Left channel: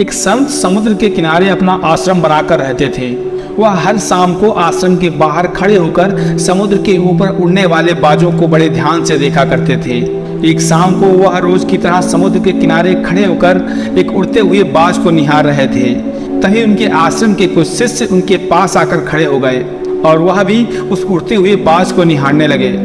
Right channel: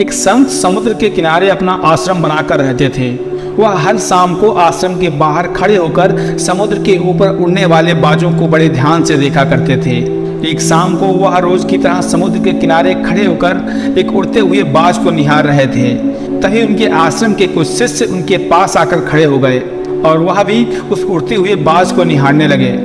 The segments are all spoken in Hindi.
एक संत समुद्र के किनारे अपना आश्रम बनाकर रहते थे। वह हर शाम को आश्रम के बाहर खड़े होकर समुद्र के ऊपर उड़ने वाले बाजों को बड़े ध्यान से देखा करते थे। एक शाम को वह रोज की तरह समुद्र के किनारे खड़े होकर एक उड़ते हुए बाज को निहार रहे थे। तभी उनके आश्रम के कुछ शिष्य उनके पास आकर खड़े हो गए और वह भी उस उड़ते हुए बाज को निहारने लगे।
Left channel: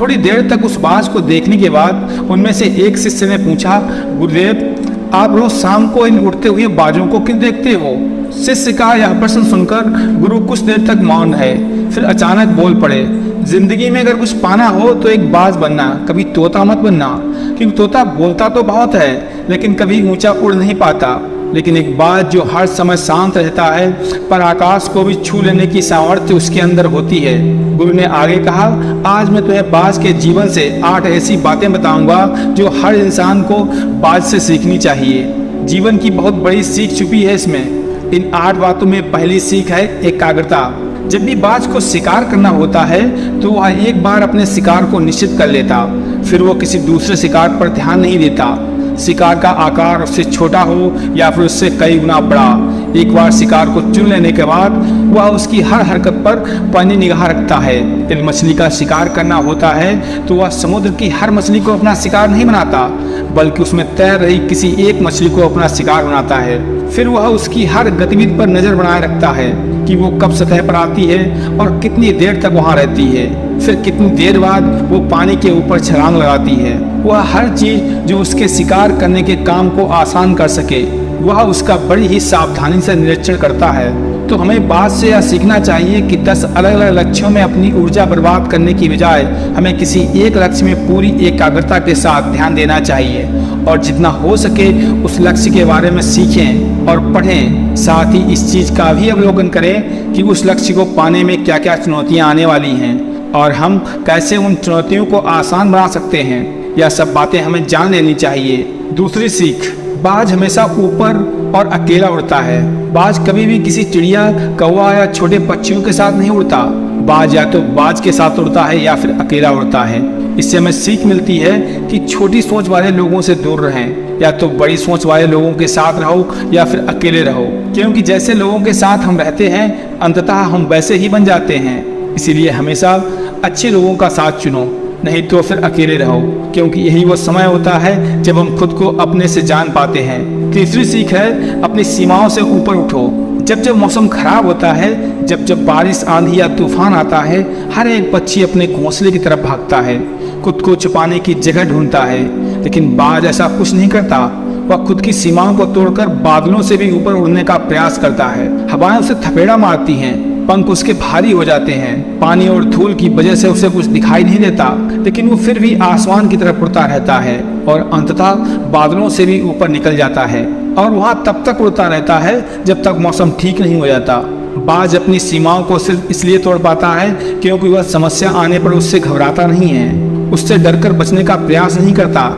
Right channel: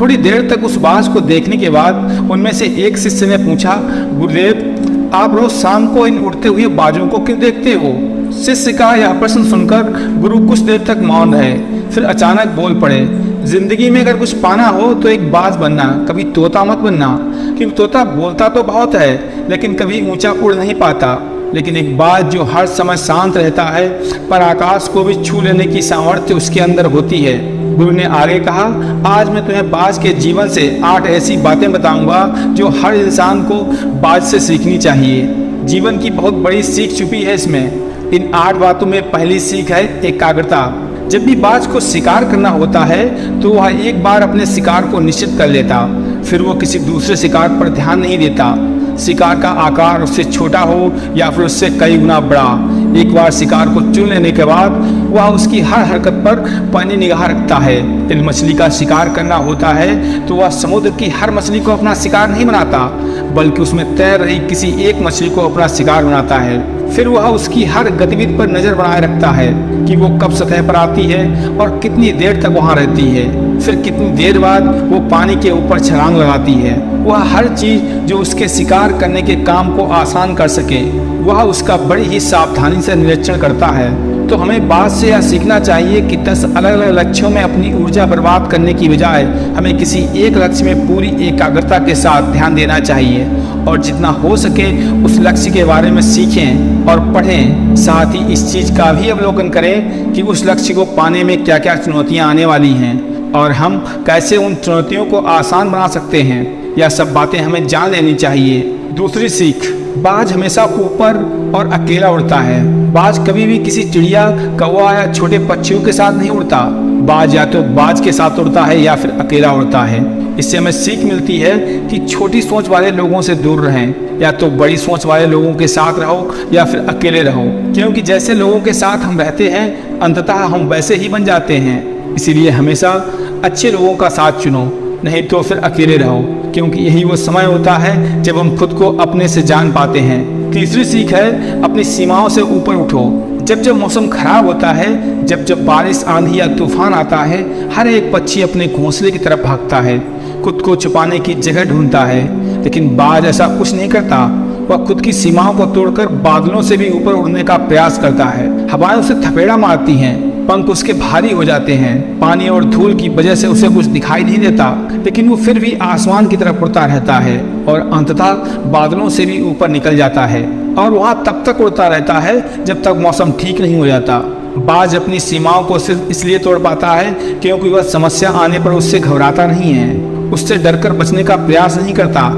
थोड़ी देर तक उस बाज को देखने के बाद उनमें से एक शिष्य ने पूछा, गुरुदेव, आप रोज शाम को इन उड़ते हुए बाजों को क्यों देखते हो? शिष्य का यह प्रश्न सुनकर गुरु कुछ देर तक मौन रहे, फिर अचानक बोल पड़े, जिंदगी में अगर कुछ पाना हो तो एक बाज बनना, कभी तोता मत बनना, क्योंकि तोता बोलता तो बहुत है लेकिन कभी ऊंचा उड़ नहीं पाता, लेकिन एक बाज जो हर समय शांत रहता है पर आकाश को भी छू लेने की सामर्थ्य उसके अंदर होती है। गुरु ने आगे कहा, आज मैं तुम्हें बाज के जीवन से 8 ऐसी बातें बताऊंगा जो हर इंसान को बाज से सीखनी चाहिए। जीवन की बहुत बड़ी सीख छुपी है इसमें। इन 8 बातों में पहली सीख है एकाग्रता। जब भी बाज को शिकार करना होता है तो वह एक बार अपने शिकार को निश्चित कर लेता, फिर वो किसी दूसरे शिकार पर ध्यान नहीं देता। शिकार का आकार उससे छोटा हो या फिर उससे कई गुना बड़ा, एक बार शिकार को चुन लेने के बाद वह उसकी हर हरकत पर पैनी निगाह रखता है। यदि मछली का शिकार करना होता है तो वह समुद्र की हर मछली को अपना शिकार नहीं बनाता, बल्कि उसमें तैर रही किसी एक मछली को अपना शिकार बनाता है। फिर वह उसकी हर गतिविधि पर नज़र बनाए रखता है कि वो कब सतह पर आती है और कितनी देर तक वहाँ रहती है, फिर कितनी देर बाद वो पानी के ऊपर छलांग लगाती है। वह हर चीज़ जो उसके शिकार करने के काम को आसान कर सके वह उसका बड़ी ही सावधानी से निरीक्षण करता है। तो हमें बात से यह सीखना चाहिए कि 10 अलग अलग लक्ष्यों में अपनी ऊर्जा बर्बाद करने की बजाय हमें किसी एक लक्ष्य में पूरी एकाग्रता के साथ ध्यान देना चाहिए और जितना हो सके उस लक्ष्य के बारे में सीखें और पढ़ें। साथ ही इस चीज़ का भी अवलोकन करें कि उस लक्ष्य को पाने में क्या क्या चुनौतियाँ आने वाली हैं और हम कैसे उन चुनौतियों को आसान बना सकते हैं। यह सब बातें हमें जान लेनी चाहिए। दूसरी सीख, बाज हमेशा ऊपर और अकेला उड़ता है। बाज कभी भी किसी चिड़िया, कौवा या छोटे पक्षियों के साथ नहीं उड़ता। बाज या तो बाज के साथ उड़ता है या फिर अकेला उड़ता है। इससे हमें सीख मिलती है कि छोटी सोच वाले लोगों से दूर रहें, या तो बड़ी सोच वाले लोगों के साथ रहो या फिर अकेले रहो, क्योंकि जैसे लोगों के साथ हम रहते हैं अंततः हम वैसे ही बन जाते हैं। इसीलिए हमेशा अच्छे लोगों का साथ चुनो, नहीं तो फिर अकेले रहो, क्योंकि यही वो समय होता है जब हम खुद को अपने से जान पाते हैं। तीसरी सीख है, अपनी सीमाओं से ऊपर उठो। जब जब मौसम खराब होता है, जब जब बारिश, आंधी या तूफान आता है, हर एक पक्षी अपने घोंसले की तरफ भागता है, खुद को छुपाने की जगह ढूंढता है। लेकिन बाज ऐसा कुछ नहीं करता। वह खुद की सीमाओं को तोड़कर बादलों से भी ऊपर उड़ने का प्रयास करता है। हवाएं उसे थपेड़ा मारती हैं, पंख उसके भारी हो जाते हैं, पानी और धूल की वजह से उसे कुछ दिखाई नहीं देता, लेकिन वो फिर भी आसमान की तरफ उड़ता रहता है और अंततः बादलों से भी ऊपर निकल जाता है और वहाँ तब तक उड़ता रहता है जब तक मौसम ठीक नहीं हो जाता। बाज अपनी सीमाओं को सिर्फ इसलिए तोड़ पाता है क्योंकि वह समस्या आने पर उससे घबराता नहीं है, उससे डरकर बचने का प्रयास नहीं करता,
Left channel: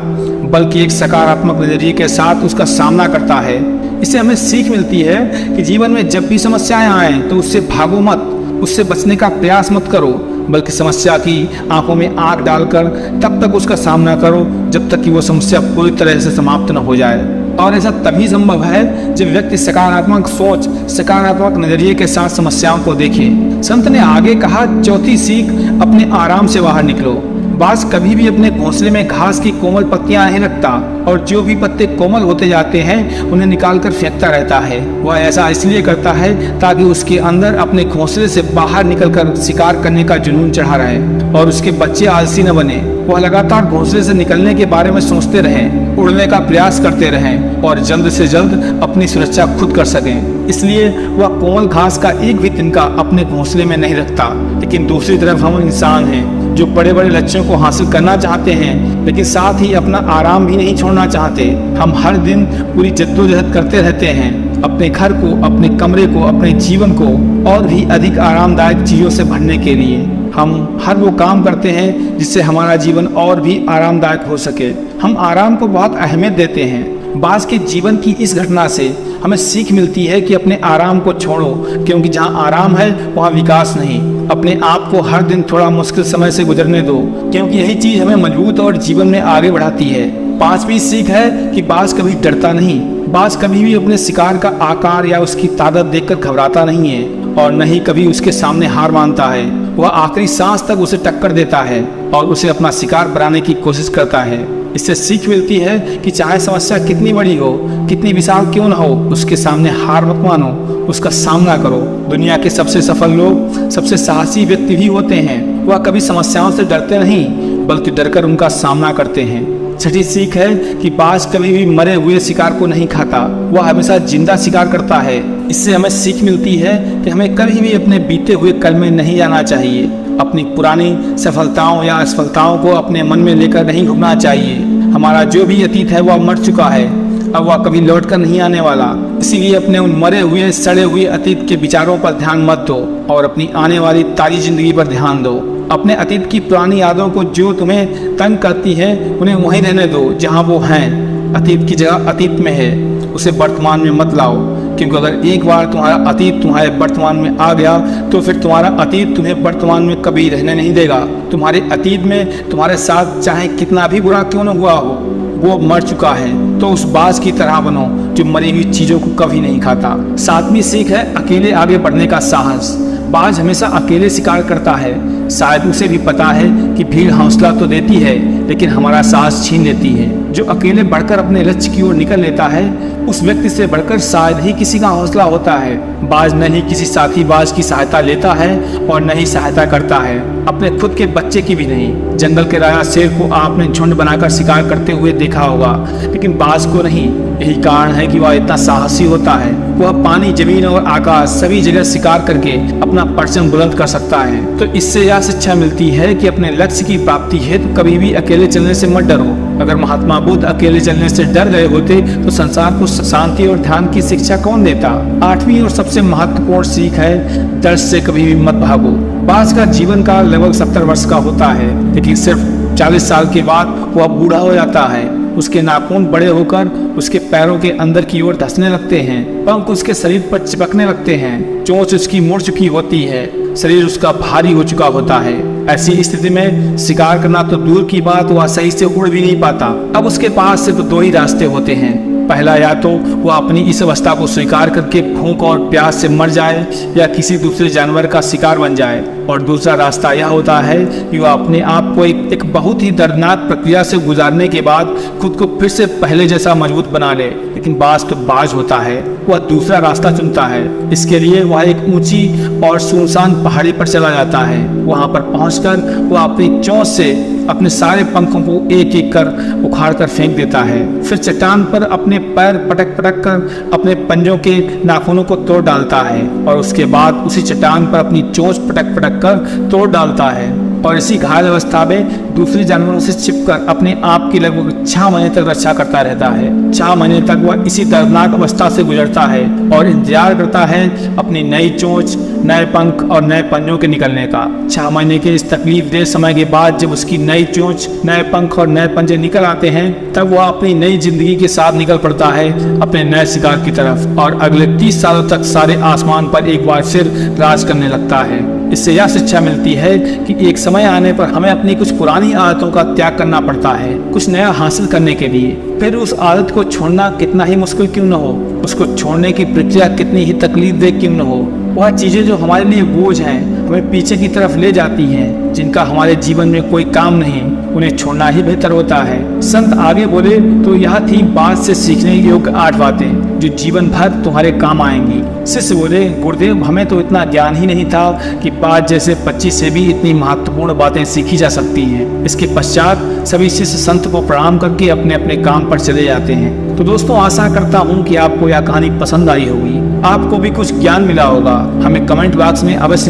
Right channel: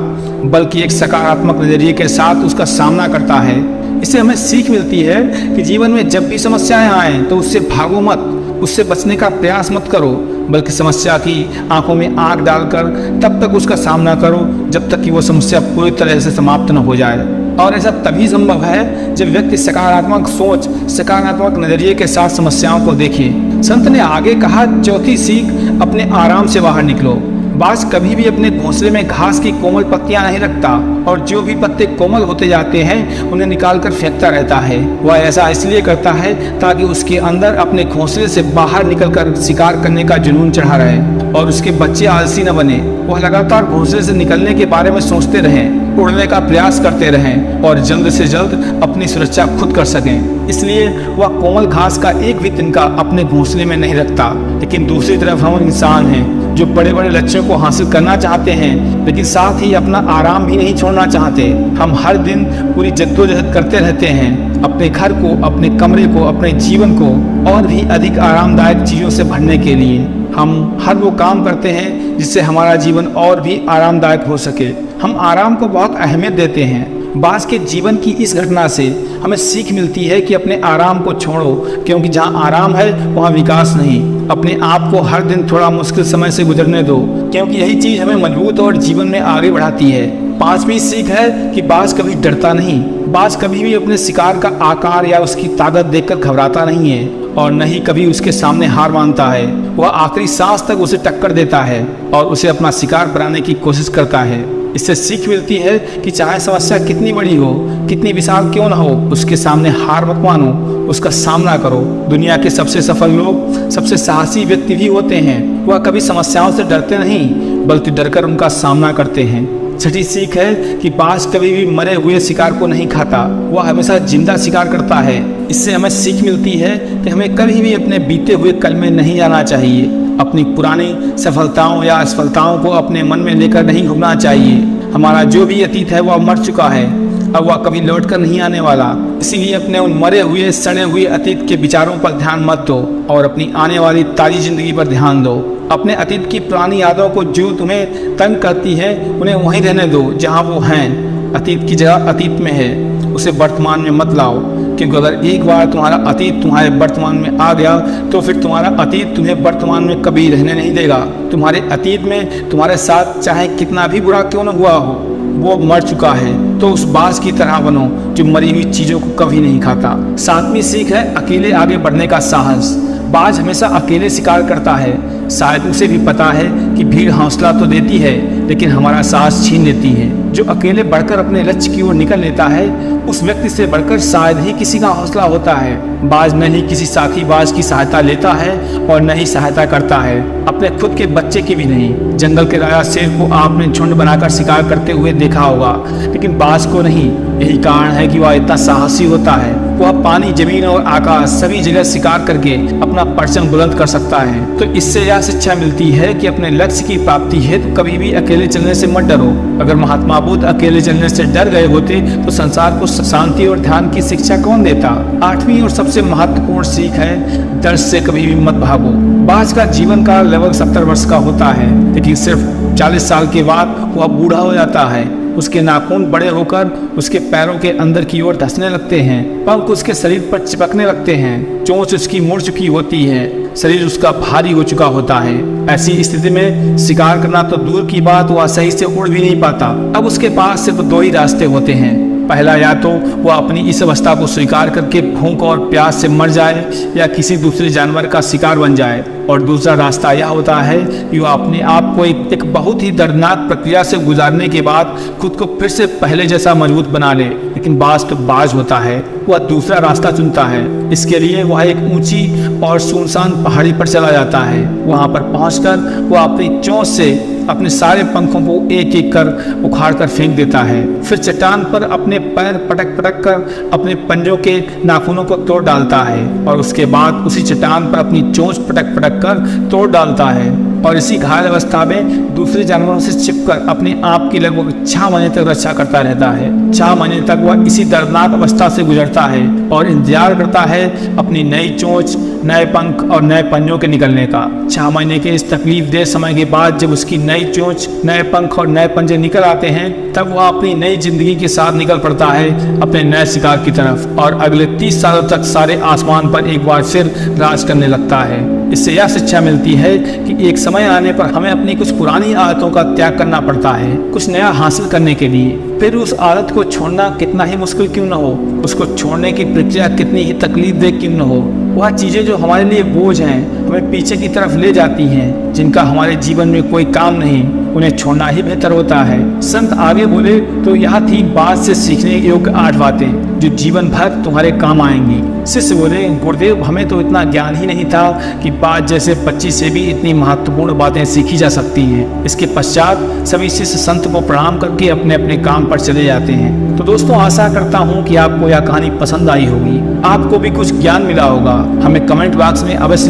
बल्कि एक सकारात्मक नजरिए के साथ उसका सामना करता है। इससे हमें सीख मिलती है कि जीवन में जब भी समस्याएं आएं तो उससे भागो मत, उससे बचने का प्रयास मत करो, बल्कि समस्या की आंखों में आंख डालकर तब तक उसका सामना करो जब तक कि वो समस्या पूरी तरह से समाप्त न हो जाए। और ऐसा तभी संभव है जब व्यक्ति सकारात्मक सोच, सकारात्मक नजरिए के साथ समस्याओं को देखे। संत ने आगे कहा, चौथी सीख, अपने आराम से बाहर निकलो। बाज कभी भी अपने घोंसले में घास की कोमल पत्तियां नहीं रखता और जो भी पत्ते कोमल होते जाते हैं उन्हें निकालकर फेंकता रहता है। वह ऐसा इसलिए करता है ताकि उसके अंदर अपने घोंसले से बाहर निकलकर शिकार करने का जुनून चढ़ा रहे और उसके बच्चे आलसी न बने। वह लगातार घोंसले से निकलने के बारे में सोचते रहें, उड़ने का प्रयास करते रहें और जल्द से जल्द अपनी सुरक्षा खुद कर सकें। इसलिए वह कोमल घास का एक भी तिनका अपने घोंसले में नहीं रखता। लेकिन दूसरी तरफ हम इंसान हैं जो बड़े बड़े लक्ष्यों को हासिल करना चाहते हैं, लेकिन साथ ही अपना आराम भी नहीं छोड़ना चाहते। हम हर दिन पूरी जद्दोजहद करते रहते हैं अपने घर को, अपने कमरे को, अपने जीवन को और भी अधिक आरामदायक चीज़ों से भरने के लिए। हम हर वो काम करते हैं जिससे हमारा जीवन और भी आरामदायक हो सके। हम आराम को बहुत अहमियत देते हैं। बाज के जीवन की इस घटना से हमें सीख मिलती है कि अपने आराम को छोड़ो, क्योंकि जहाँ आराम है वहाँ विकास नहीं। अपने आप को हर दिन थोड़ा मुश्किल समय से गुजरने दो, क्योंकि यही चीज़ हमें मजबूत और जीवन में आगे बढ़ाती है। पांचवी सीख है कि बाज कभी डरता नहीं। बाज कभी भी अपने शिकार का आकार या उसकी ताकत देखकर घबराता नहीं है और न ही कभी उसके सामने हार मानता है। वह आखिरी सांस तक उसे टक्कर देता है और उसे अपना शिकार बनाने की कोशिश करता है। इससे सीख मिलती है कि चाहे समस्या कितनी बड़ी हो, कितनी विशाल क्यों न हो, उसके सामने हार मत मानो, उसका सामना करो। दुनिया के सबसे सफल लोग सबसे साहसी व्यक्ति भी होते हैं। वह कभी समस्याओं से डरते नहीं, बल्कि डरकर उनका सामना करते हैं। छठी सीख है कि बाज कभी भी मरे हुए शिकार को नहीं खाता, वह हमेशा जिंदा शिकार करता है। इससे हमें सीख मिलती है कि हमें कभी भी अपने बीते हुए कल में नहीं जाना चाहिए। अपनी पुरानी सफलताओं या असफलताओं को अपने मन में लेकर नहीं घूमना चाहिए। हमारा जो भी अतीत है वह मर चुका है, अब वह कभी लौट कर नहीं आने वाला। इसीलिए अपने उन मरे हुए सड़े हुए अतीत के विचारों पर ध्यान मत दो और अपनी आने वाली ताज़ी जिंदगी पर ध्यान दो। अपने अतीत की पुरानी यादों को जो तुम्हें तंग करती है उन्हें वहीं रहने दो जहां वो हैं। अतीत की जगह अतीत में है, उसे वर्तमान में मत लाओ, क्योंकि अगर एक बार तुम्हारा अतीत तुम्हारे वर्तमान में आ गया तो फिर तुम्हारा अतीत तुम्हें वर्तमान में कभी रहने नहीं देगा। तुम्हारे अतीत में तुम्हारे साथ चाहे कितना भी बुरा क्यों न हुआ हो, वो मर चुका है, तो उस बाज की तरह बनो जो मरी हुई चीज़ों को कभी नहीं खाता। सातवीं सीख है अकेले आगे बढ़ने का साहस। बाज हमेशा अकेले शिकार करता है। शायद उसे भी पता है कि भीड़ हौसला तो देती है लेकिन हमारा साहस छीन लेती है। जो अकेले बढ़कर अपने लक्ष्य की ओर निकल लेता है उस व्यक्ति से बढ़कर शायद ही किसी का हौसला होता है। बाज न ही किसी साथी बाज की सहायता लेता है और न ही सहायता करता है, अपने खुद के बच्चे की भी नहीं। जंगल के राजा शेर को आपने झुंड बनाकर शिकार करते हुए देखा होगा, लेकिन बाज को नहीं। यही कारण है कि वह इतना साहसी होता है। वह पानी, जमीन और आकाश सभी जगह शिकार करके अपना परचम बुलंद कर सकता है। तो इससे यह शिक्षा मिलती है कि अपने लक्ष्य की प्राप्ति हेतु कभी भी अकेले चलने से मत डरो। अगर महात्मा बुद्ध अकेले चलने से डर गए होते तो संसार को शांति और ध्यान की शिक्षा कौन देता। आठवीं और सबसे महत्वपूर्ण सीख है डर से कभी भी मत भागो। बाज का जीवन काल लगभग 70 वर्ष का होता है, लेकिन सिर्फ 40 साल के बाद वह बूढ़ा हो जाता है। उसके नाखून बड़े होकर उसके पैरों के अंदर की ओर धंसने लगते हैं, पंख उसके शरीर पर चिपकने लगते हैं, चोंच उसकी मुड़ चुकी होती है, शरीर उसका भारी हो चुका होता है। ऐसी स्थिति में शिकार करना तो दूर की बात, वह सही से उड़ भी नहीं पाता। अब उसके पास सिर्फ दो ही रास्ते होते हैं। पहला, या तो वह अपनी इस अवस्था को स्वीकार करके भूख और प्यास से मर जाए या किसी दूसरे जानवर का शिकार बन जाए, और दूसरा रास्ता यह होता है कि वह अपने आप को एक बहुत ही दर्दनाक प्रक्रिया से गुजारने के बाद खुद को फिर से पहले जैसा मजबूत बना ले। लेकिन बाज तो बाज होता है, वह दूसरा रास्ता चुनता है। इसके लिए वह एक ऊंची और सुनसान पहाड़ी पर चला जाता है। वहां पर पहुंचकर वह अपनी चोंच से अपने सारे पंखों को एक एक कर उखाड़ कर फेंक देता है। फिर चट्टान पर अपने पैर पटक पटक कर अपने पंजों के नाखूनों को तोड़ डालता है और उसके बाद उसी चट्टान पर अपनी चोंच पटक पटक कर तोड़ डालता है और इसी घायल अवस्था में दूसरे जानवरों से छिपकर अपने आप की लगभग 6 महीने तक रक्षा करता रहता है। 6 महीने तक वह इसी दर्दनाक अवस्था से गुजरता है और इंतजार करता है अपनी नई चोंच, नए पंख और नए पंजों के निकलने का। 6 महीने के इस तकलीफदेह समय के बाद जब उसकी नई चोंच, नए पंख और नए पंजे निकल आते हैं, तब वह अपनी नई जिंदगी के साथ निकल पड़ता है अपने नए शिकार की तरफ और अगले 30 सालों तक सारे आसमान पर एक बार फिर राज करने लगता है। इससे यह शिक्षा मिलती है कि एक समय आने पर हमें अपनी कुछ पुरानी आदतों का त्याग करना पड़ता है कुछ नया हासिल करने के लिए। फिर उस आदत को छोड़ना कितना ही मुश्किल क्यों न हो, उसको छोड़ने की प्रक्रिया कितनी ही तकलीफदेह क्यों न हो, वह चीज़ें जो हमारे लिए बोझ हैं, हमें पीछे की तरफ ले जाती हैं, जिनका हमारे जीवन में कोई काम नहीं, उन्हें छोड़ना ही बेहतर होता है। संत आगे बोले तो यह थी बाज से सीखने योग्य 8 बातें जो जीवन भर तुम्हारे काम आएंगी। शिष्य बोले, गुरुदेव हमें तो इतना ज्ञान ही नहीं था कि बाज जैसे पक्षी से भी इतनी महत्वपूर्ण बातें सीखी जा सकती हैं। इसके पश्चात सभी शिष्य संत को प्रणाम करके अपने अपने काम पर चले जाते हैं। तो दोस्तों, आशा करता हूँ कि आपको यह कहानी पसंद आई होगी, आपको भी कुछ ज्ञान मिला होगा। हमें कमेंट बॉक्स में अवश्य